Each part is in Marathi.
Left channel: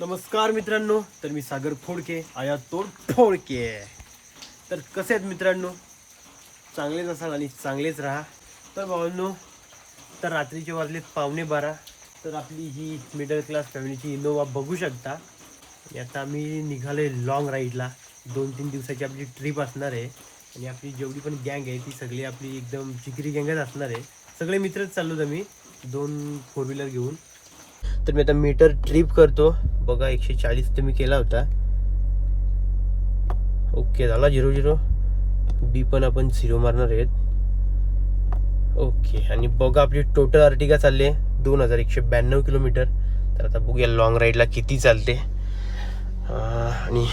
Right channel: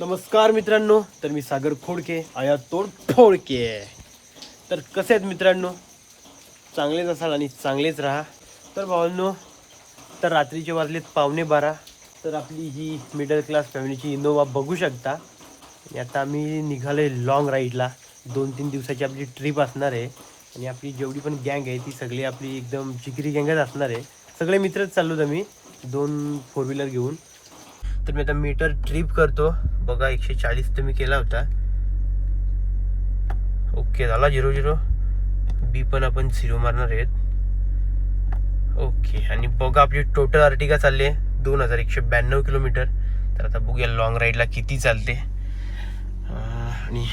नमस्कार मित्रांनो, तर मी सागर खोडके आया तोड फोडके. तर कसे आहेत मित्रांनो, चांगलेच असाल आणि चांगलेच राहा. तर भावांनो, तर रात्रीचे वाजलेत 11:15. तर आपली ही मिडल क्लास फॅमिलीची इनोवा बघू शकता. आणि आता आम्ही निघालोय लॉंग राईडला. 2-3 दिवसाची आपली ट्रिप असणार आहे. आणि आपली जेवढी पण गँग आहे ती सगळी आपली एकदम जिगरी गँगच असणार आहे. सगळे मित्रच चाललोत आम्ही 2 फोर व्हीलर घेऊन. तर मी आता मीटर ट्रिप करतो बघा. 140 तर मी केला होता. ओके झाला 0-0. बी पण आपण 0 मारणार आहेत. ओके. आणि बघा आपली टोटल अर्टिगा चालली आहे 2192 किलोमीटर. तर आता बघूया लॉंग राईडला किती चालते. आणि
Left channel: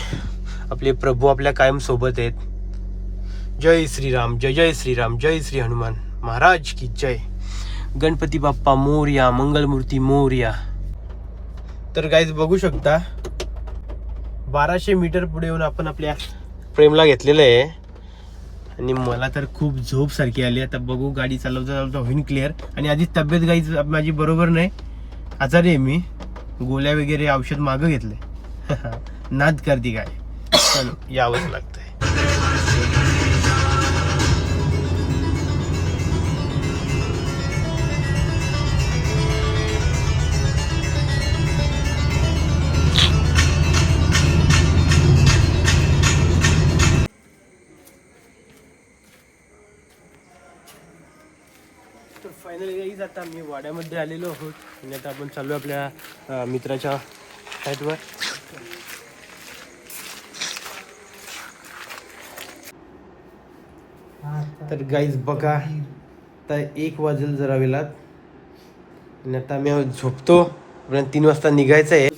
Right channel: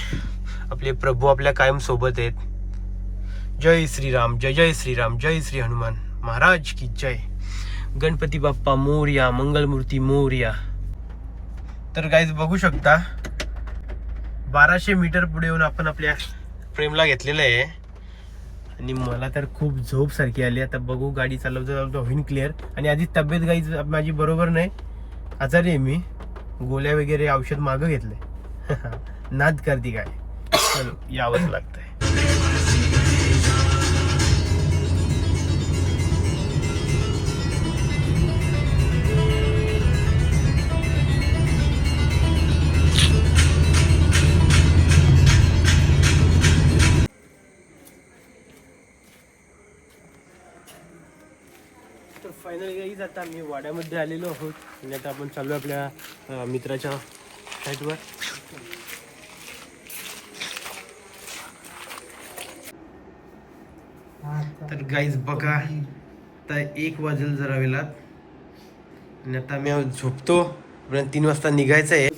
आपले प्रभू आपल्या कायम सोबत आहेत. जय श्रीराम, जय जय श्रीराम, जय श्री हनुमान महाराज की जय. गणपती बाप्पा मोरया, मंगलमूर्ती मोरया. तर गाईज बघू शकता 1200 मीटर पुढे येऊन आपण आपल्या प्रेमला घेतलेलं आहे. आणि मला तर खूप झोप सारखी आली. आता बघू गाडी चालवता होईन क्लिअर. आणि आधी तब्येत गाईज माझी बरोबर नाही, आजारी आहे मी. गोळ्या वगैरे औषध मागं घेतले. नाद करती काय, चलो यावंच लागतंय. तर फायनली गाईज आता आम्ही वाड्यामध्ये आलेलो आहोत. आणि आता आपण चालू आपल्या मित्राच्या साईडवर. तर गाईज बघा, आता 1 वाजेल जरा वेळात. आणि आता आम्ही झोपतो, 3 वाजता निघायचं आहे.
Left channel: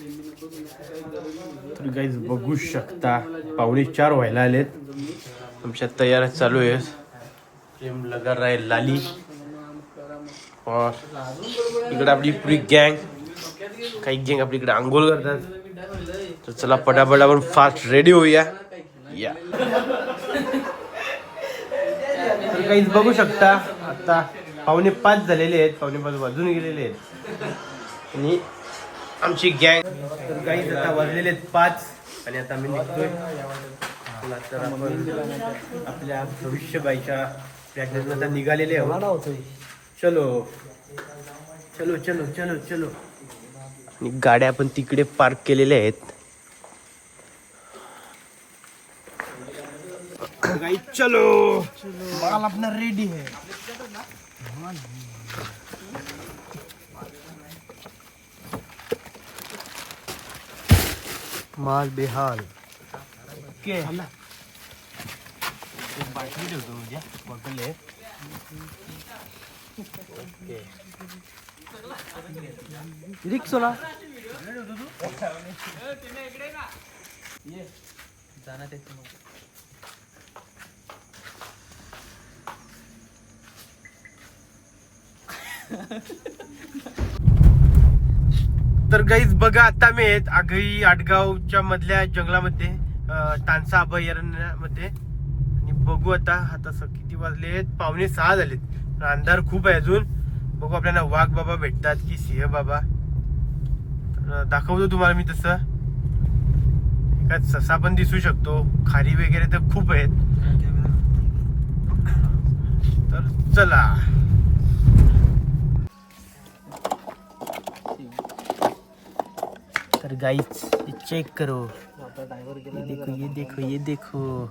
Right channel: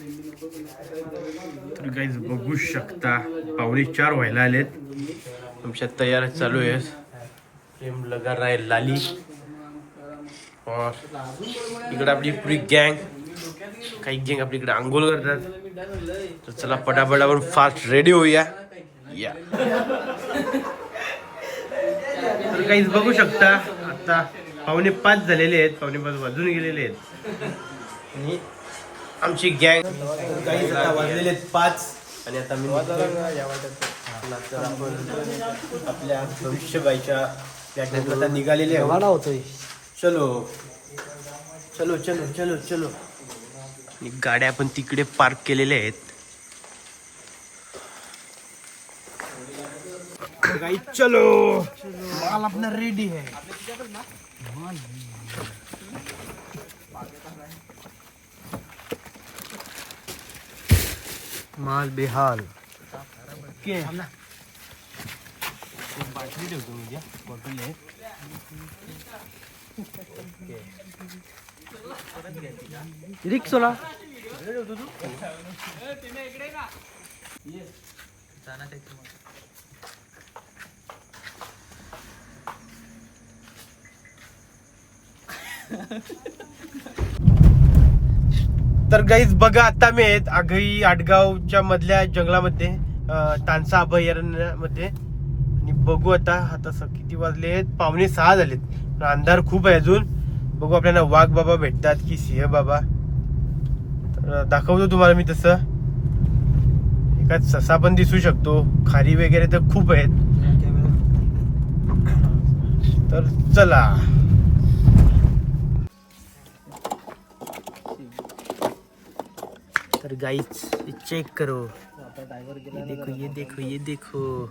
तर गाईज बघू शकता 3:45 व्हायला आलेत. आमच्या तयार चालू आहे. प्रेम लगा राय लाली. और इकडे आपली पुरी गँग, काही गँग आपली इकडे आंघोळ करतात. तर चला पटापट आपण फास्ट रेडी होऊया या. तर काहीच बघू शकता आता 4:45 झालेले आहेत. 4:45 वाजून गेलेले आहेत. आणि आमची गँग, तर काहीच आता वाजलेले आहेत 5. आणि आता मी निघतोय. तर आपण आपल्या भविष्यबाईच्या प्लॅटफॉर्मला आता निघालेले आहोत. चलो चलो चलो चलो चलो. गाड्या आपण तिकडे पार्क केलेल्या आहेत. गाइस चलो, माल अपना रेडी है. माल बेहाल. ओके, बाटली ठेवतो म्हणजे बॉटल आहे. रिक्सोला तर गाईज बघा, आता मी आहेत आगई आडगावच्या मधल्या जंगलामध्ये, तानसा अभयारण्यामध्ये. आणि बघू आता किती वाजले आहेत, 5:45 झालेत. अंधार खूप आहे अजून. बघू आपल्याला वाघ बाबा भेटतात की सिंह बाबा. तर दाखवतो तुम्हाला मी तसं. एका ससा पण दिसू शकतो. खारी वगैरे तर खूप आहेत. तर चला. तर गाइस चेक करो, ये देखो ये देखो ये देखो.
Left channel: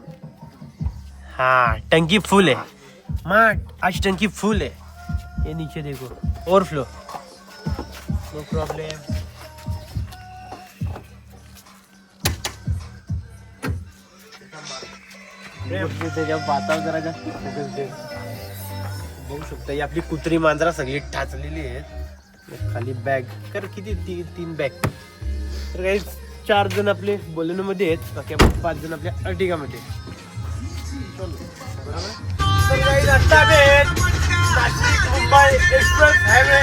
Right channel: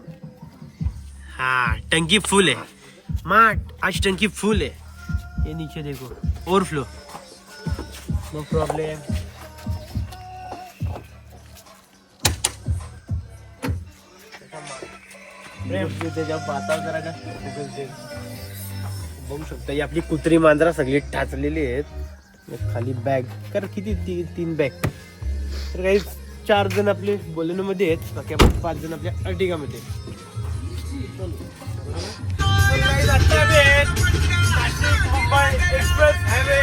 हाँ टंकी फुल है माँ, आज टंकी फुल है. ये नीचे देखो ओवरफ्लो, नो प्रॉब्लम. बघू शकता ही आपली कुत्री मांजरा सगळी ठाचलेली आहेत. खाली बॅग कर किती 3 बॅग. तर काही 4 जण आपले बोलेनो मध्ये आहेत, बाकी आपण 5 जण आपल्या अर्टिगा मध्ये. Nashik Mumbai express highway.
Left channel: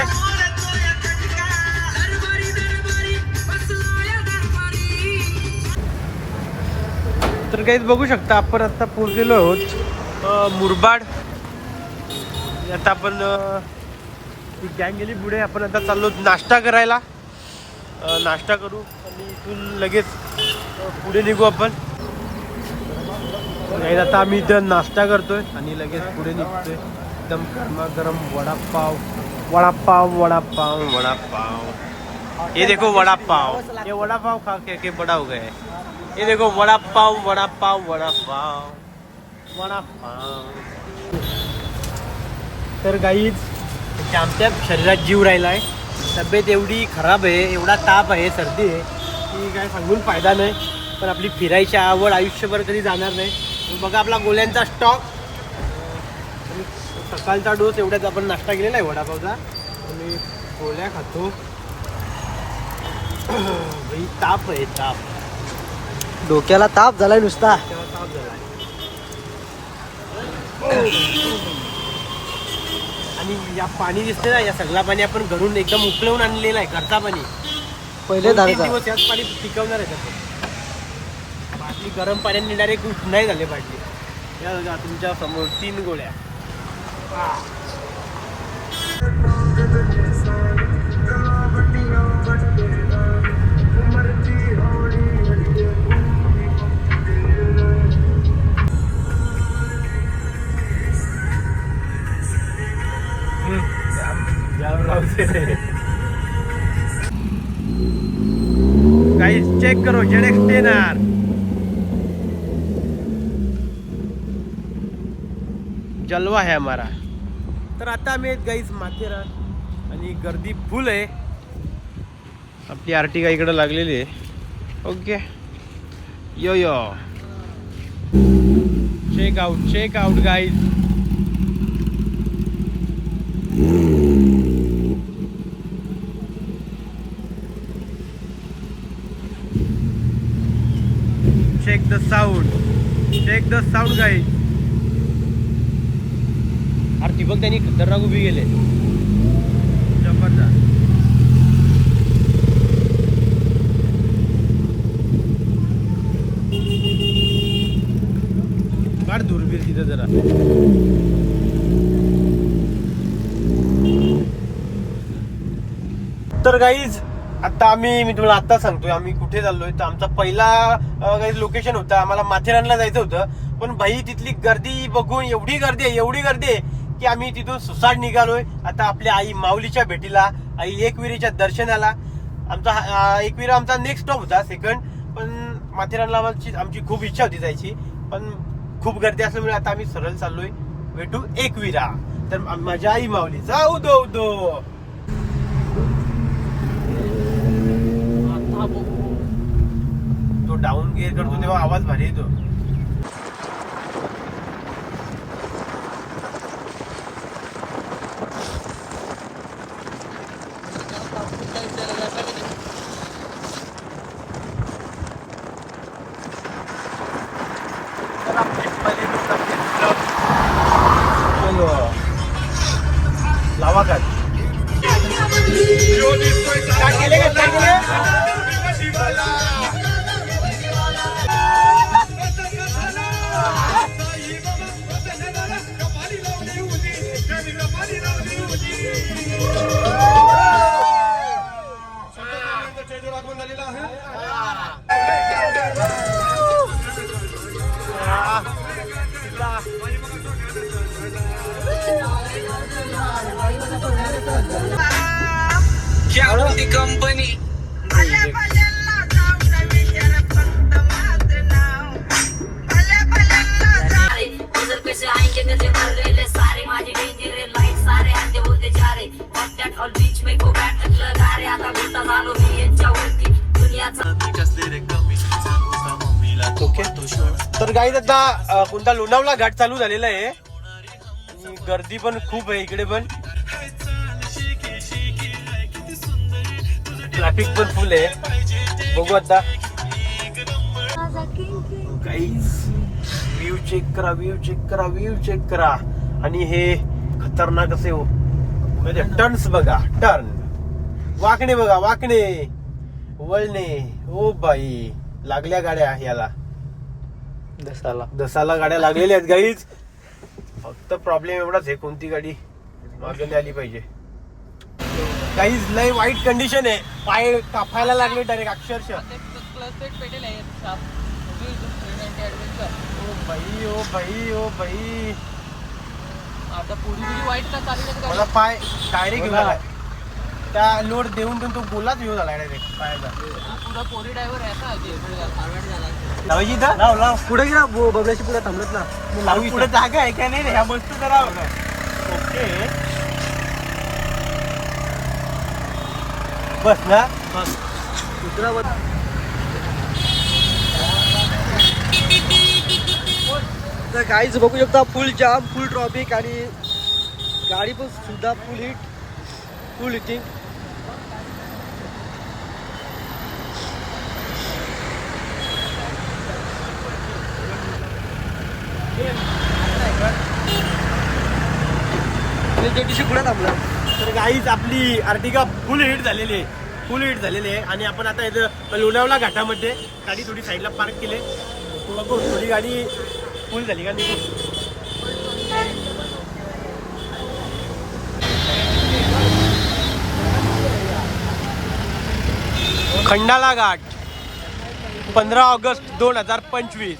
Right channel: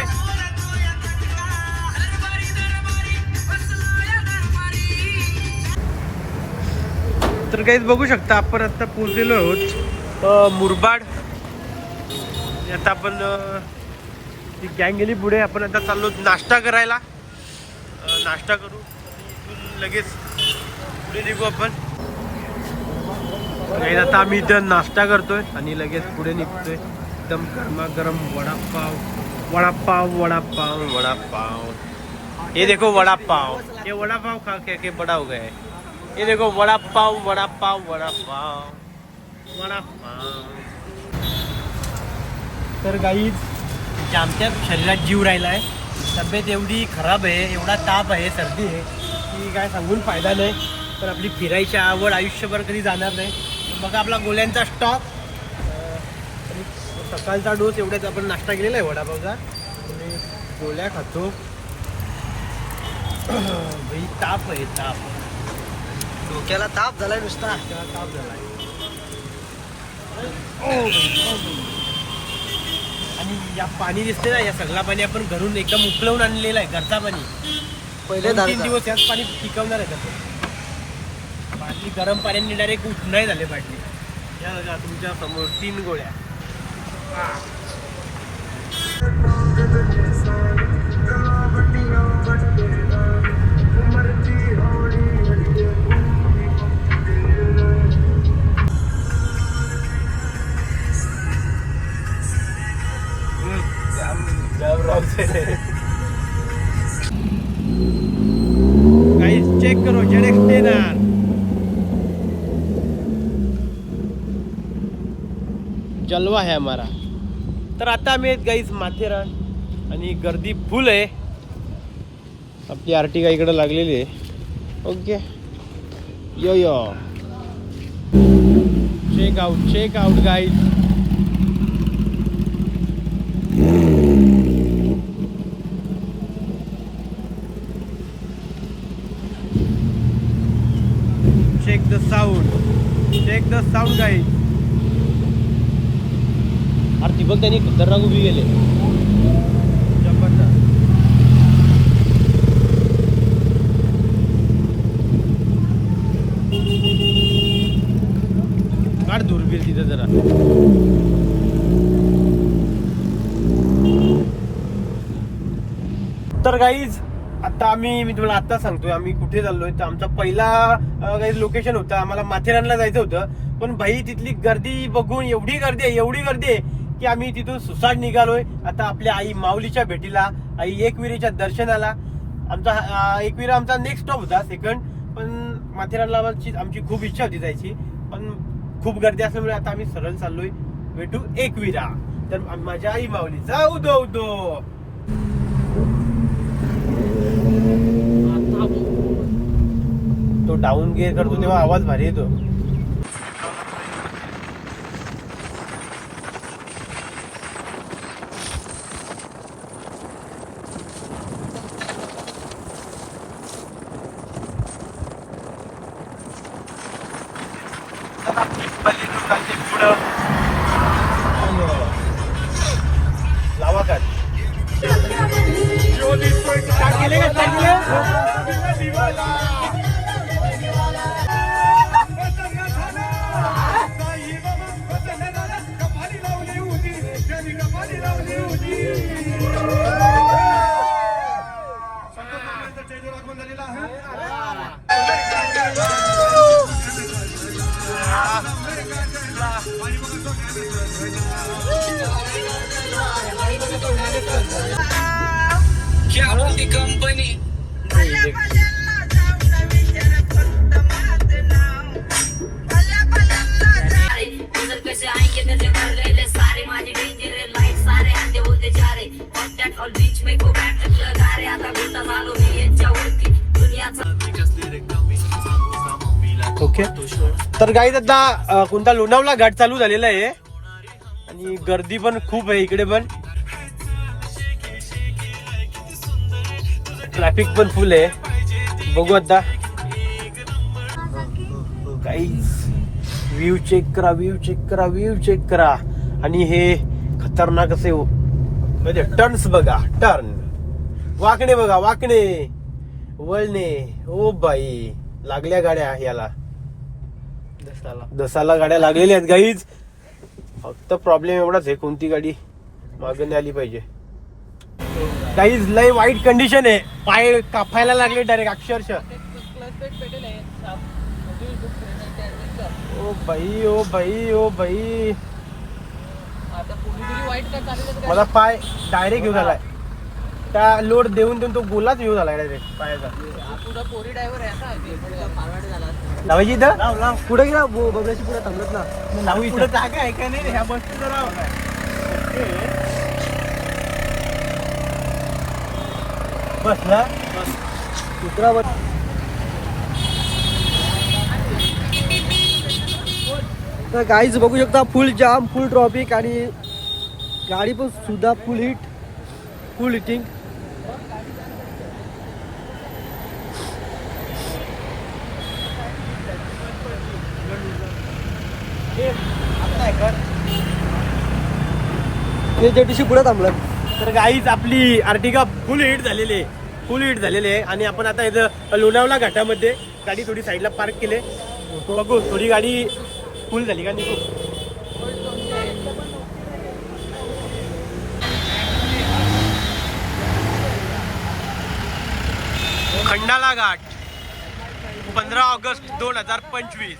तर काहीच बघू शकता आपण आता पोहोचलेलो आहोत मुरबाड. आता आपण ती गँग गेली पुढे. आपण आता चाललो नाश्ता करायला. नाश्ता करू. आणि इथून लगेच पुढे निघू आपण. आता आम्ही इथं नाश्ता करतोय आणि लगेच पुढे निघतोय. एकदम गरमागरम वडापाव वडापाव वडापाव वडापाव. ये देखो वडापाव, ये वडापाव खा के बड़ा हो गए. ये देखो वडापाव वडापाव वडापाव वडापाव. तर गाईज आमच्या शरीरात जीव राहिलाय. तब्येत एवढी खराब आहे, एवढा ताप आहे, सर्दी आहे की काय सांगून फायदा नाही. पण आपली फिरायची आवड आयुष्यभर कधी जाणार नाही. बघा आपला गोळ्यांचा स्टॉक. सकाळचा डोस एवढ्याच आपण नाश्ता केलेला आहे वडापावचा आणि गोळ्या खातो. ताप आहे ताप, डोक्याला ताप झालाय नुसता. ताप झालाय. आणि या पाणी दिसते ना, या सगळं पाणी आपण घरून एकदम उकळवून आणलेलं आहे. घरचा पाणी पहिले 2-3 दिवस याच पाणी टिकवणार आहे. आपण बाटली गरम पाण्याने डायरेक्ट उठ नाही झाले बाटली. या बघा तुमच्या समोर 3 गोळ्या. गाइस चेक करो ZX-10R. जलवा है हमारा. तर आता आम्ही गाईज माथेरान आणि गर्दी फुल आहे. आपली आर्टिका इकडे लागलेली आहे. Okay yo yo check out guys. check the sound guys. अरे ती बघ त्यांनी खतरनाक उभी गेले. काढ दूरबीर तिथं जरा. तर गाईज आता मी तुम्हाला आता सांगतोय आम्ही कुठे चाललोय. तर आमचा पहिला लोकेशन होता, आम्हाला माथेरानला जायचं होतं. पण भाई तिथली गर्दी बघून एवढी गर्दी आहे की आम्ही तिथून सुसाट निघालोय. आता आपल्या आई माऊलीच्या भेटीला, आई एकविरेच्या दर्शनाला. आमचा एकविरा आमचा नेक्स्ट स्टॉप होता, सेकंड. पण माथेरानला आमची खूप इच्छा होती जायची, पण खूप गर्दी असल्यामुळे आता आम्ही सरळ चाललोय भेटू एकविरा. तर माझ्या आई माऊलीचा उदो. तो डाऊन गिअर करतो तेव्हा आवाज भारी येतो. लावा का कंपनी पैसे आएंगे तेरे भरलेले सारे माझे डेंजर लाईट सारे अंधे होते जा रे कॉन्टॅक्ट ऑल बीच में गो बॅक लगा रे आता बोलता झालो मी यांच्यावरती दुनियाचा. ओके तर गाईज आता कोणता लोणावळा घाट चालू झालेला आहे आणि गर्दी पण खूप आहे इकडे. पण ट्रॅफिक पण फुल आहे. बघू आता गाईज व्ह्यू चेक करा. आणि हे खतरनाक असे टर्न्स बघा. टर्न वाकणे बघा, वाकणे वळणे. ओ बाई लागल्या गाड्या याला दसाला गाड्या लागलेल्या आहेत गाईज. फक्त प्रॉब्लेम एवढाच आहे कोणती गाडी मागे नाही आली पाहिजे. काहीच लय वाईट कंडिशन आहे, पाय कापायला लागले डायरेक्ट अक्षरशः. ओ भाई ओ भाई ओ भाई, आता पुरी वाईट का चालू मला पाय डायरेक्ट घेऊन आलाय. त्या लोड देऊन देऊन तो गोलाच घेऊन आला डायरेक्ट पायाचा. पुढा कोरी ड्रायव्हर आहे आता हेल्मेट घाल. लावायची इथं लाव. पुढे गेला बबल्याशी पुढे थांबलत ना. लावू इथं जागा आहे का नाही ह्या वस्तू करावं काय. बस ना दुसरा तर गाईज बघू शकता फुल जाम, फुल ट्रॉफिक आणि गाडी पण सुद्धा फुल हिट, फुल हिटिंग. ते पुढे थांबलं. तर गाईच आपली अर्टिगा फुल हिट झालेली आहे आणि आपण आता इथं लोणावळा घाटामध्ये गाडी थोडी साईडला पार्क केले. बघू थोडी गाडी फुल झाली का नाही. खंडाळा घाट 15 ऑगस्ट 2025.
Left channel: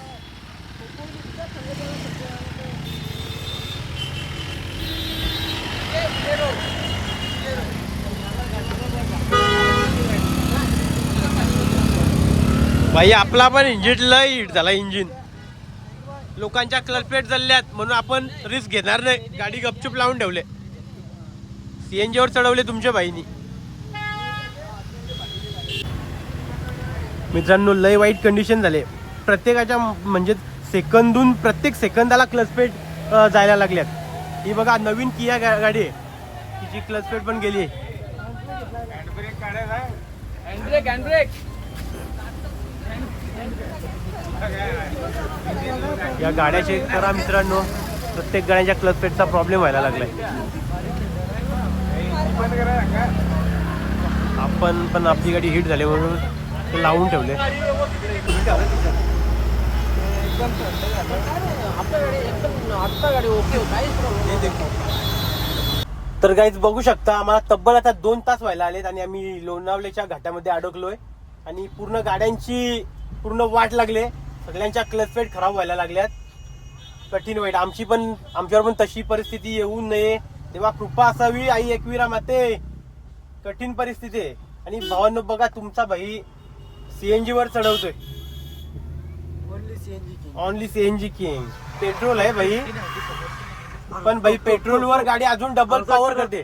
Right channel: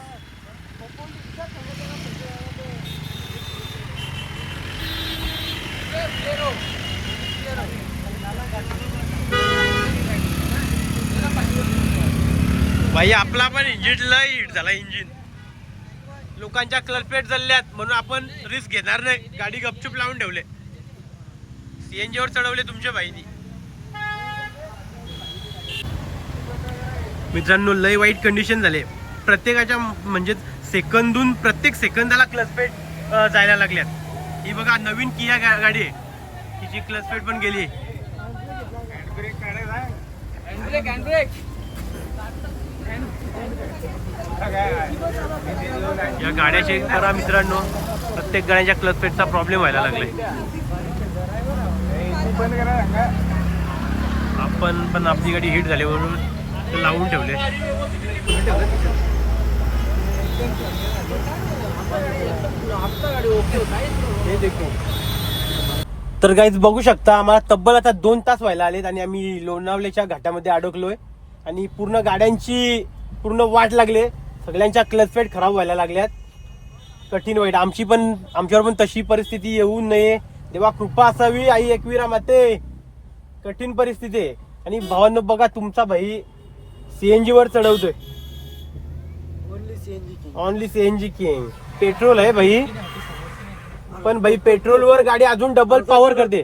भाई आपला पण इंजिन लय हिट झाला. इंजिन लोकांच्या क्लच प्लेट जळल्यात म्हणून आपण रिस्क घेणार नाही, गाडी गपचूप लावून ठेवले. CNG वर चढवले तुमच्या भाईनी. मित्रांनो लय वाईट कंडिशन झाले प्रत्येकाच्या, म्हणजे प्रत्येक सेकंदाला क्लच प्लेट जायला लागल्यात. ही बघा नवीन किया गाडी आहे, तिची क्लच प्लेट पण गेली. या गाड्या चेक करा मित्रांनो, प्रत्येक गाड्यांच्या क्लच प्लेटचा प्रॉब्लेम व्हायला लागलाय. आपण पण आपली गाडी हिट झाली म्हणून ते लावून ठेवले. तर गाईज बघू शकता आम्हाला तब्बल आता 2 तास व्हायला आलेत आणि आम्ही लोणावळ्याच्या घाटामध्ये अडकलोय आणि पूर्ण गाड्यांची पूर्ण वाट लागले. सगळ्यांच्या क्लच प्लेट खराब व्हायला लागल्यात. कठीण वाईट आमच्यावर पण तशी परिस्थिती येऊ नये तेव्हा कृपा असावी. आई एकविरा माते, कठीण परिस्थिती आहे. आणि भावांनो बघा तुमचा भाई CNG वर चढवतोय. Only CNG king. पेट्रोल आहे भाई, पण भाई पेट्रोल वर गाडी अजून डबल पॉवर करते.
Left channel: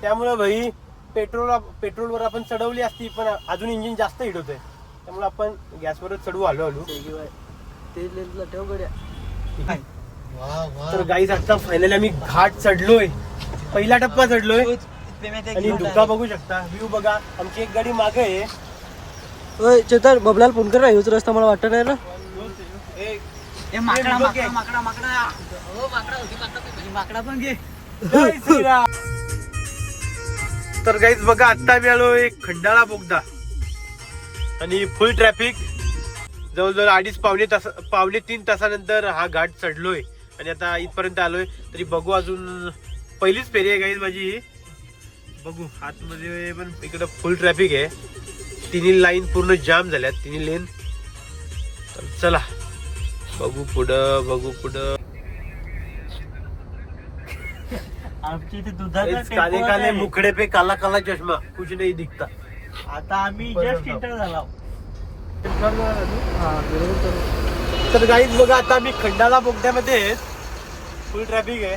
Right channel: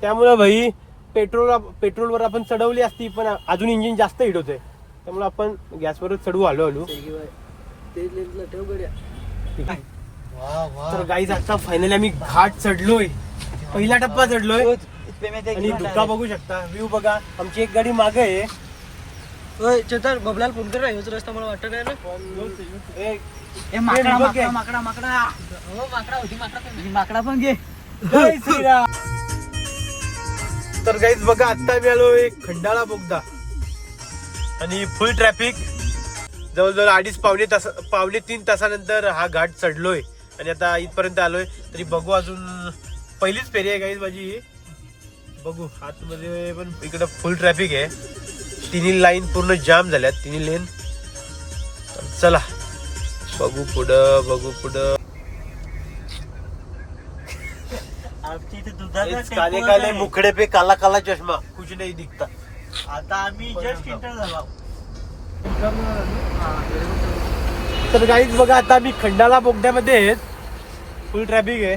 त्यामुळे भाई पेट्रोलवर आपण चढवली असती पण अजून इंजिन जास्त हिट होतोय. त्यामुळे आपण गॅसवरच चढवू हळूहळू. तर गाईज आता फायनली आम्ही घाट चढलोय, पहिला टप्पा चढलोय आणि धुका बघू शकता, व्ह्यू बघा. आमची एक गाडी मागे आहे. चेतर बबलाल फोन कर, हेच रस्ता मला वाटत नाही ना. माकडा पण घे. तर गाईज बघा आता मी आलो एक खंडाळा बोगदा आणि फुल ट्रॅफिक. जवळजवळ 2.5-3 तासानंतर हा घाट चढलोय आणि आता इथपर्यंत आलोय. तरी बघू अजून पहिलीच फेरी आहे गाईज माझी. बघू आतमध्ये पण इकडं फुल ट्रॅफिक आहे. 3 लाईन पूर्ण जाम झाल्यात, 3 लेन. तर चला बघू पुढं. काले काले मुखडे पे काला काला चष्मा, कुछ नहीं दिखता. आता आम्ही जस्ट इंटर झाला. तर गाईज बघा आता आम्ही खंडाळा बोगद्यामध्ये आहेत. फुल ट्रॅफिक आहे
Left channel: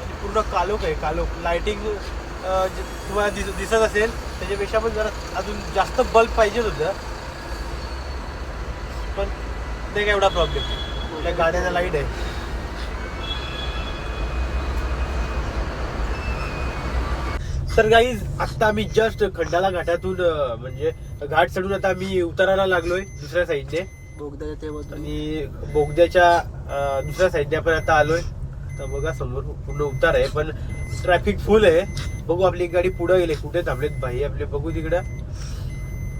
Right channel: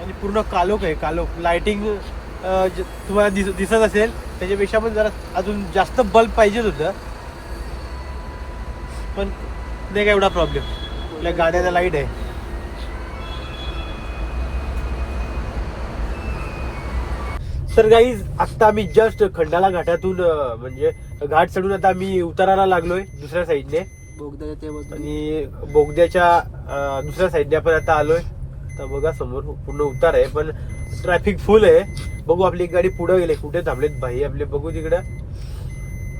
आणि पूर्ण कालोख आहे. कालोख लाइटिंग तुम्हाला दिसत असेल, त्याच्यापेक्षा पण जरा अजून जास्त बल्ब पाहिजेच होतं, पण नाही काय एवढा प्रॉब्लेम. गाड्याचा लाईट आहे. तर गाईज आता आम्ही जस्ट खंडाळा घाटातून म्हणजे घाट चढून आता आम्ही उतारायला लागलोय दुसऱ्या साईडने. आणि बोगद्याच्या दुसऱ्या साईडने आपण आता आलोय. तर बघा समोर पूर्ण उतार आहे पण ट्रॅफिक फुल आहे. बघू आपली एक गाडी पुढे गेले, कुठे थांबलेत भाई आपले, बघू तिकडं.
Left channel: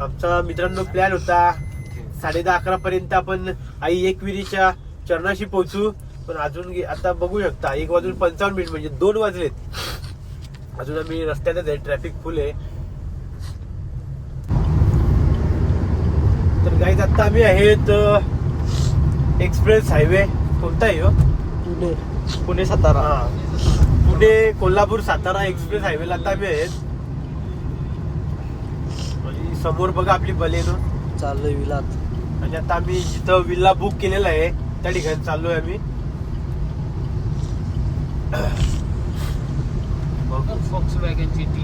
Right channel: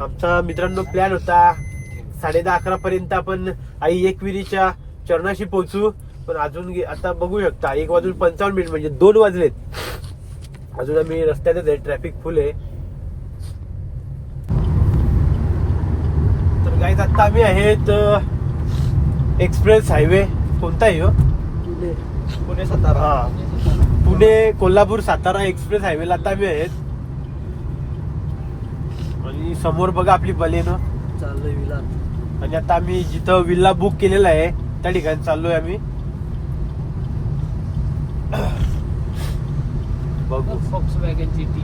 आमचा मित्रांनो प्लॅन होता 10:30-11 पर्यंत आपण आई एकविरीच्या चरणाशी पोहोचू, पण अजून आता बघू शकता 1:55 म्हणजे 2 वाजलेत. अजून आम्ही रस्त्यातच आहे, ट्रॅफिक फुल आहे. तर गाईज आता आम्ही आहेत एक्सप्रेस हायवे. कोणता आहे हो? पुणे सातारा. पुणे कोल्हापूर सातारा एक्सप्रेस हायवेला आता आम्ही आहेत. आणि समोर बघा आपली बलेनो चाललोय विलात. आणि आता आम्ही जिथं विल्ला बुक केलेला आहे त्या ठिकाणी चाललोय आम्ही. Volkswagen GT.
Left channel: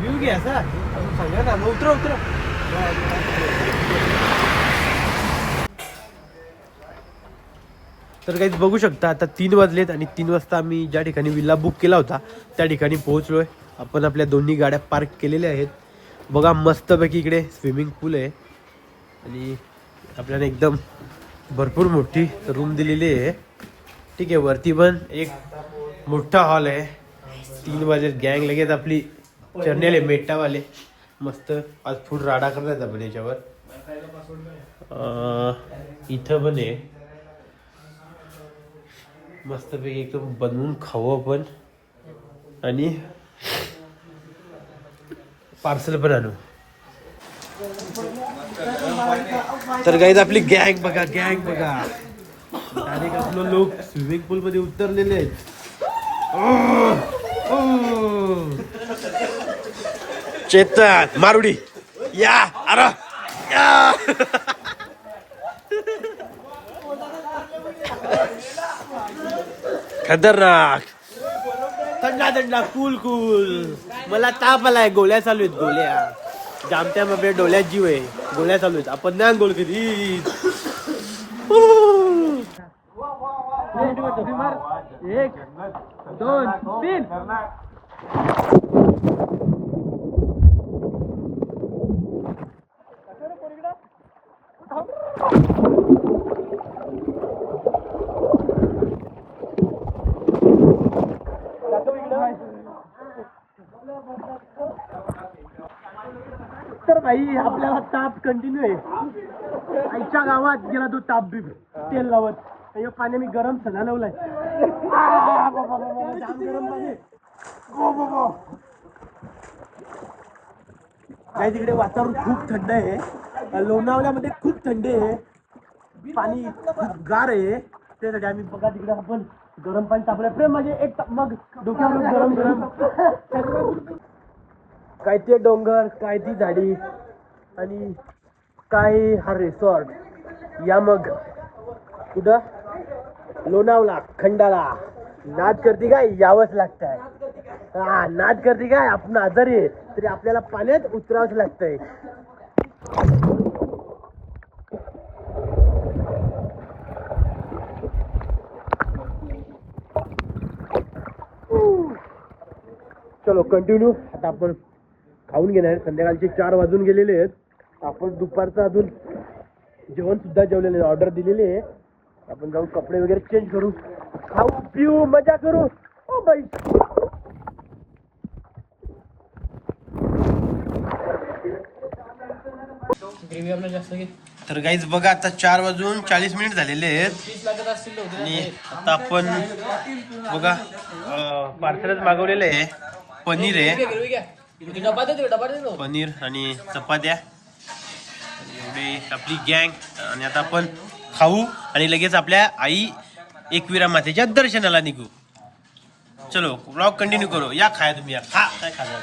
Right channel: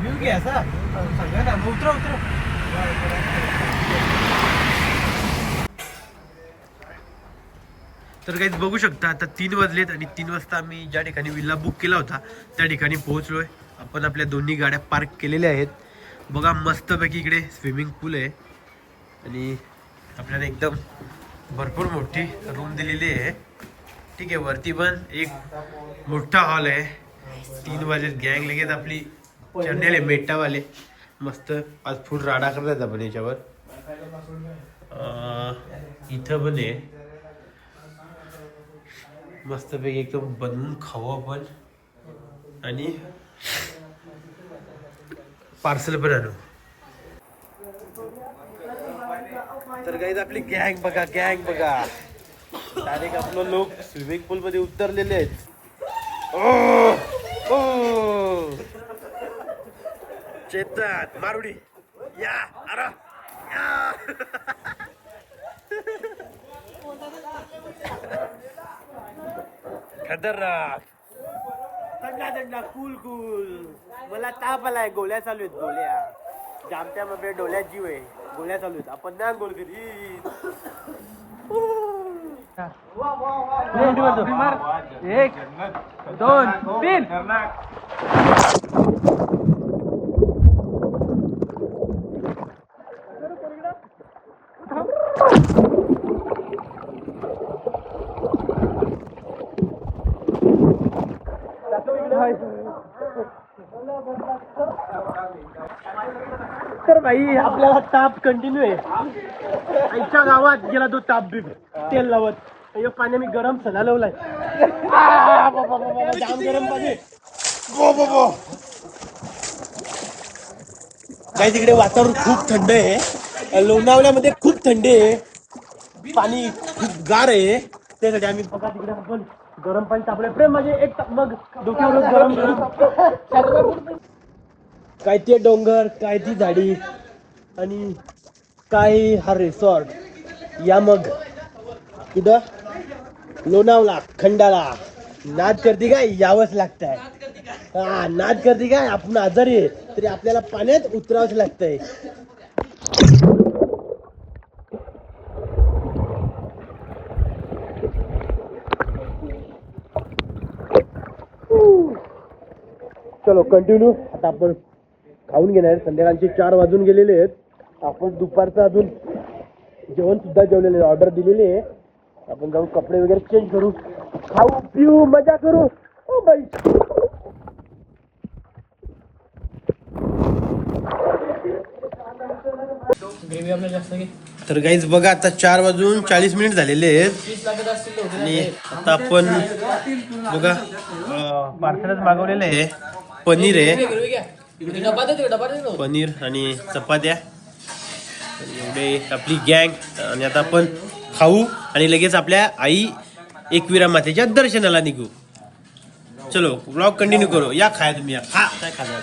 घेऊन घ्या सांगा ना मग. उतरा. तर काहीच बघू शकता आता 3 वाजलेत आणि 3 वाजता आम्ही ज्या ठिकाणी विल्ला बुक केला होता त्या ठिकाणी पोहोचलोय. आपण आपल्या दोन्ही गाड्या पार्क केलेल्या आहेत. बघा मस्तपैकी इकडे स्विमिंग पूल आहे आणि आपल्याला एकदम भरपूर मोठी रूम दिलेली आहे. ठीक आहे, वरती पण एक मोठा हॉल आहे. 3 वाजेत गँग लगेच आपली चढलेले मेटावाले मस्त आज फुल राडा करतात आपण याच्यावर. इथं पण आहे मस्तपैकी एकदम बनवून खाऊ आपण आणि पार्सल पण आणू. तर गाईज आपली गँग बघा आणि आपलं लोक स्विमिंग पूल मध्ये उतरलेले आहेत. चेतन मारुडी या अरे या. खतरनाक थंडा कूल. मला ताप आलाय. गोळ्या चालू आहेत गोळ्या. जामत्या बाबे डोळ्यात जीव आहे. गोळ्या चालू आहेत. आपण नाही गोल कधी. 1, 2, 3. तर भाई आपल्याला ताप कंटिन्यू आहे. आईच्या गावात गेला तो ताप बी तेल लावत. अय्यो पाणी मी गरम सणा लावलाय. जाम गरम पाणी. काय तिकडे वातावरण खूप थंड आहे. लोणावल्यामध्ये खूप थंड आहे. पाणी खूप गार आहे. त्यासाठी आम्ही बघा तिकडे आपण गरम पाणी तापलं. प्रेम माझे एक मग डोक्यावर गरम काय ते डोंगर, काय ती झाडी आणि काय हा रिसॉर्ट. या मग कुठं लोणावला खंडाला. नाद करते काय यावंच लागतंय. हा नाद करते काय आपण आजारी आहे तरी आपल्याला पाण्यात उतरावंच लागतंय. चलो कंटिन्यू. आता आपण खाऊन घेणार. संध्याकाळचे 4 वाजून गेलेले आहेत. आपण दुपारचं अजून जेवण सुद्धा जेवलेले ऑर्डर दिलेली आहे. आपण जाऊन कपडे वगैरे चेंज करू, खाऊ पिऊ मजा करू. ओ बाई तर गाईज बघा आता 4 वाजून 40 मिनिट झालेले आहेत आणि आता आपण बघा पार्सलच मागवलेलं आहे. पनीर आहे, पनीर आणि चपात्या. एवढे आपली गँग आणि आता आपण खाऊ आणि लगेच आपल्या आई एकविरा मातेच्या दर्शनाला निघू. चलो ब्लॉग कंटिन्यू करू. या खाया तुम्ही, या खा काय खाणार.